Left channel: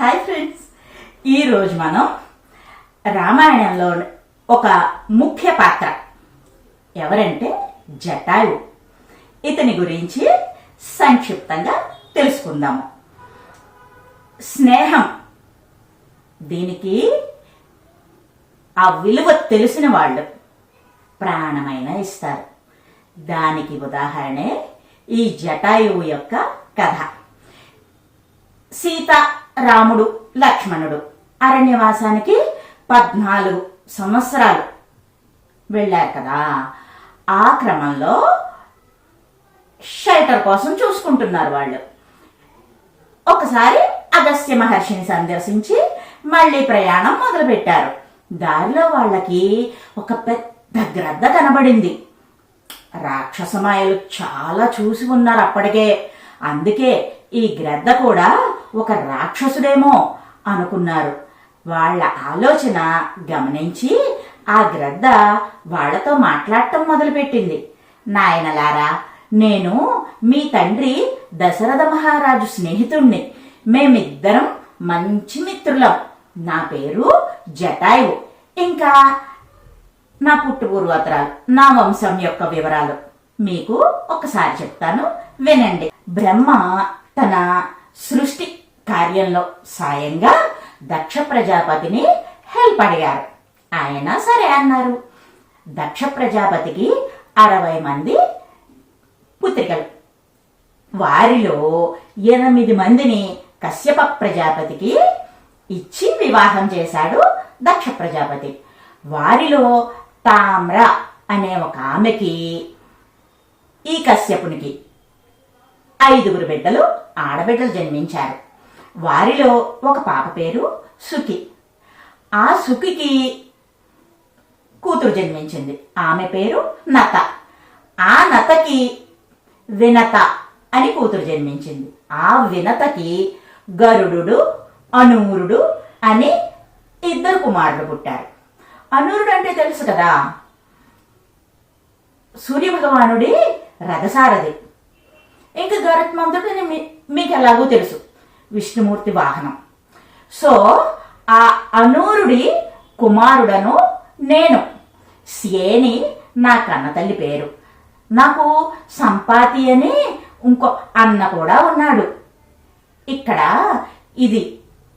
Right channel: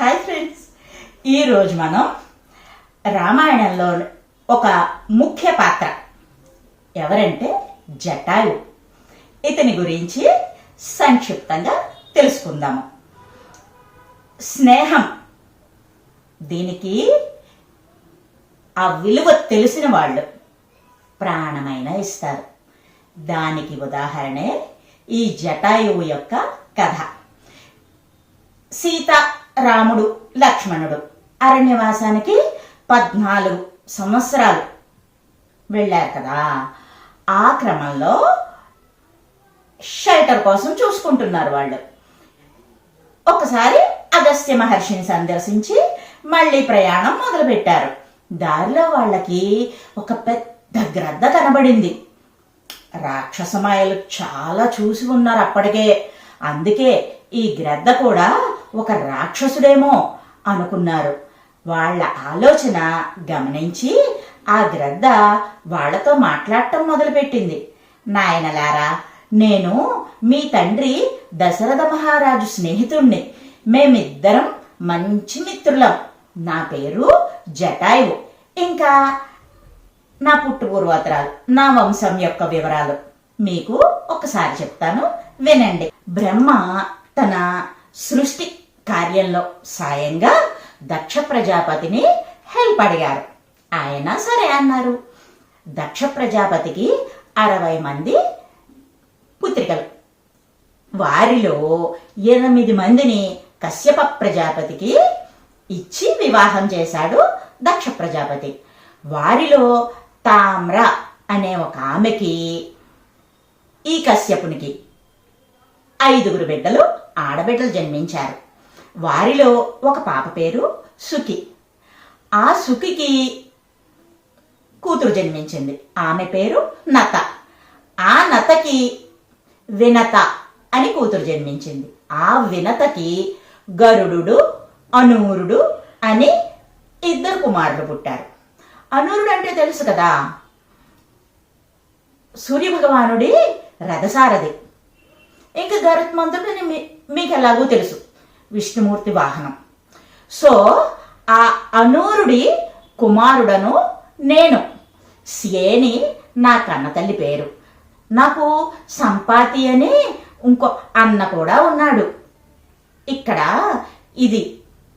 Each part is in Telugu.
హాయ్ ఫ్రెండ్స్, ఈరోజు మనం రామాయణంలో ఒక ముఖ్య పాత్ర ఎవరంటే జటాయు. ఇతని గురించి సంక్షిప్తంగా తెలుసుకుందాము. స్నేహం, దీనికి ఆ విలువ తెలిసిన వాళ్ళు ప్రాణమైన ఇస్తారు. దానికి ఉదాహరణే ఈ జటాయువు యొక్క కథ. సీత, రాముడు, లక్ష్మణుడు అరణ్యవాసానికి 14 సంవత్సరాలు వెళ్ళారు కదా. ఆ క్రమంలో షెల్టర్ కోసం చూసుకుంటున్నారు వాళ్ళు. ఒకసారి అగస్త్య మహర్షిని సందర్శించి మళ్ళీ ప్రయాణం మొదలుపెట్టారు. దారిలో వాళ్ళకి ఒక పెద్ద గ్రద్ద కనబడింది. రాక్షసమాయలు చాలా చూసి ఉన్నారు అప్పటికే. అందుకే ఈ గ్రద్ద కూడా ఒక రాక్షసుడేమో అనుకున్నారు. వాళ్ళ ఆలోచన గమనించి ఆ గ్రద్ద వాళ్లతో మాట్లాడటం మొదలుపెట్టింది. నాయనలారా, నేను మీ తండ్రి దశరథ మహారాజు స్నేహితుణ్ణి. మేమిద్దరం మంచి మిత్రులం. నా పేరు జటాయువు. ఇంకా నా పుట్టుపూర్వోత్తరాలు, నా వంశం యొక్క వివరాలు మీకు ఒకసారి చెప్తాను, వినండి. బ్రహ్మ తన సృష్టి కార్యంలో సాయంగా దక్ష ప్రజాపతిని హెల్ప్ అడిగారు. ఆయన సరే అన్నారు. దక్ష ప్రజాపతికి 60 మంది పుత్రికలు. వారిలో 8 మందిని కశ్యప ప్రజాపతికి ఇచ్చి వివాహం చేశాడు దక్ష ప్రజాపతి. వారిలో తామ్ర అనే ఒక ఆమెకి, ఈ కశ్యపునికి 5 బిడ్డలు, ఆడబిడ్డలు జన్మించారు. వారిలో ఒక పాప పేరు సుఖి. ఆ సుఖికి కూతురు జన్మించింది. ఆమె పేరు నత. ఆ నతకి వినత అని కూతురు జన్మించింది. ఆ వినతకి గరుడు, అనూరుడు అని 2 కుమారులు పుట్టారు. అనూరుడు అంటే తెలుసు కదా, సూర్యభగవానుడి రథసారథి. ఇంకా గరుత్మంతుడు మీకు ఎలాగూ తెలుసు, విష్ణుమూర్తి వాహనం. సో ఆ అనూరుడి కుమారుడను నేను. సేని నా కన్నతల్లి పేరు. నాకు సంపాతి అని ఇంకో అన్న కూడా ఉన్నాడు. ఇక్కడ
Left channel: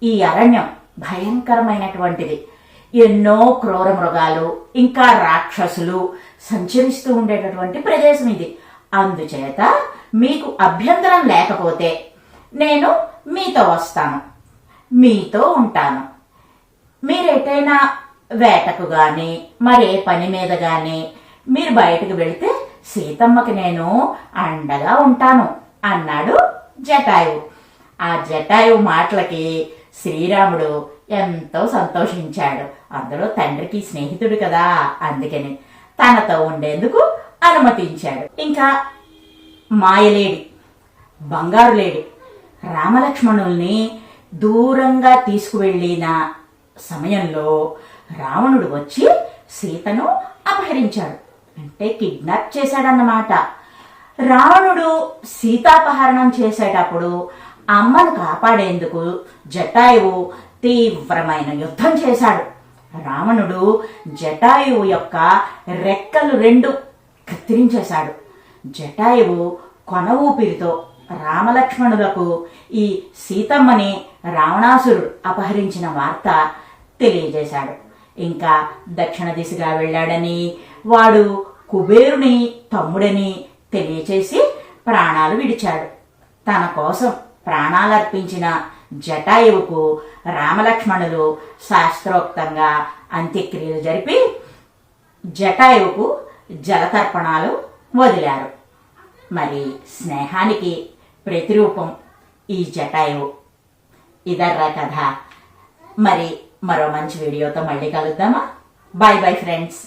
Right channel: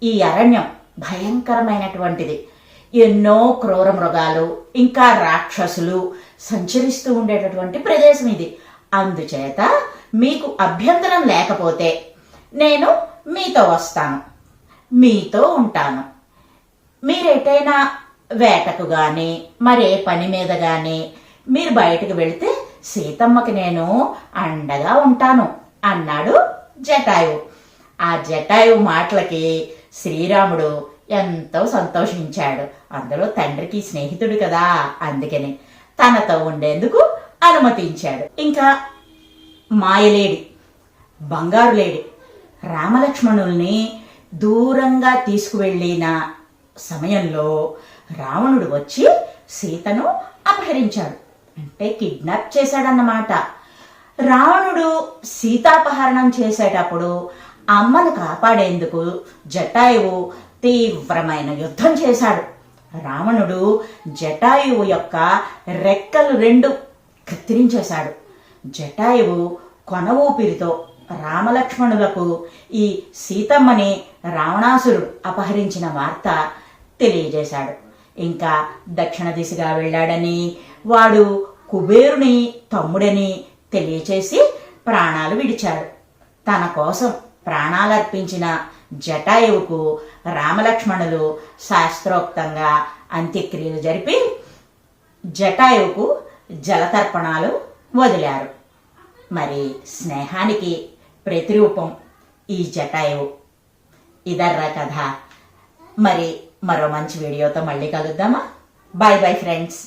ఈ అరణ్యం భయంకరమైనటువంటిది. ఎన్నో క్రూర మృగాలు, ఇంకా రాక్షసులు సంచరిస్తూ ఉండేటటువంటి ప్రదేశం ఇది. అందుచేత మీకు అభ్యంతరం లేకపోతే నేను మీతో వస్తాను, మీతో ఉంటాను. మీరెటైనా వేటకు గాని మరే పని మీద గాని మీరు బయటకు వెళితే సీతమ్మకి నేను అండగా ఉంటాను అన్నాడు జటాయువు. ఆ జటాయువు మాటలకి శ్రీరాముడు ఎంతో సంతోషించాడు. అందులో తండ్రికి స్నేహితుడు కదా, అందుకని తనతో ఉండేందుకు అనుమతించాడు. ఇంకా మాయలేడి, బంగారు లేడి రామలక్ష్మణుల్ని దూరంగా తీసుకువెళ్ళిన సమయంలో రావణుడు వచ్చి సీతను అపహరించాడు. అంటే కిడ్నాప్ చేశాడన్నమాట. రావణుడు సీతాపహరణం చేసేటప్పుడు అమ్మను కాపాడేందుకు జటాయువు తీవ్రమైన యుద్ధం చేశాడు. రావణుడు జటాయువు యొక్క రెక్కలు 2 కత్తిరించేశాడు. జటాయువు కొన ఊపిరితో రామలక్ష్మణులకు ఈ సీతమ్మని రావణాసురుడు అపహరించిన వార్త తెలియజేశాడు. ఇంకా దక్షిణ దిశగా వెళ్ళాడని, వాడు కుబేరుని తమ్ముడని తెలియచేసి ప్రాణాలు విడిచాడు. తన కోసం ప్రాణాలర్పించిన జటాయువుకు రామలక్ష్మణులు శాస్త్రోక్తంగా అంత్యక్రియలు జరిపి జటాయువుకు జలతర్పణాలు వదిలారు. మరి స్నేహానికి ప్రతిరూపం ఈ జటాయువు. ఇదర్రా కథ. మరి మరో మంచి వీడియోతో మళ్ళీ కలుద్దామా? Bye bye friends.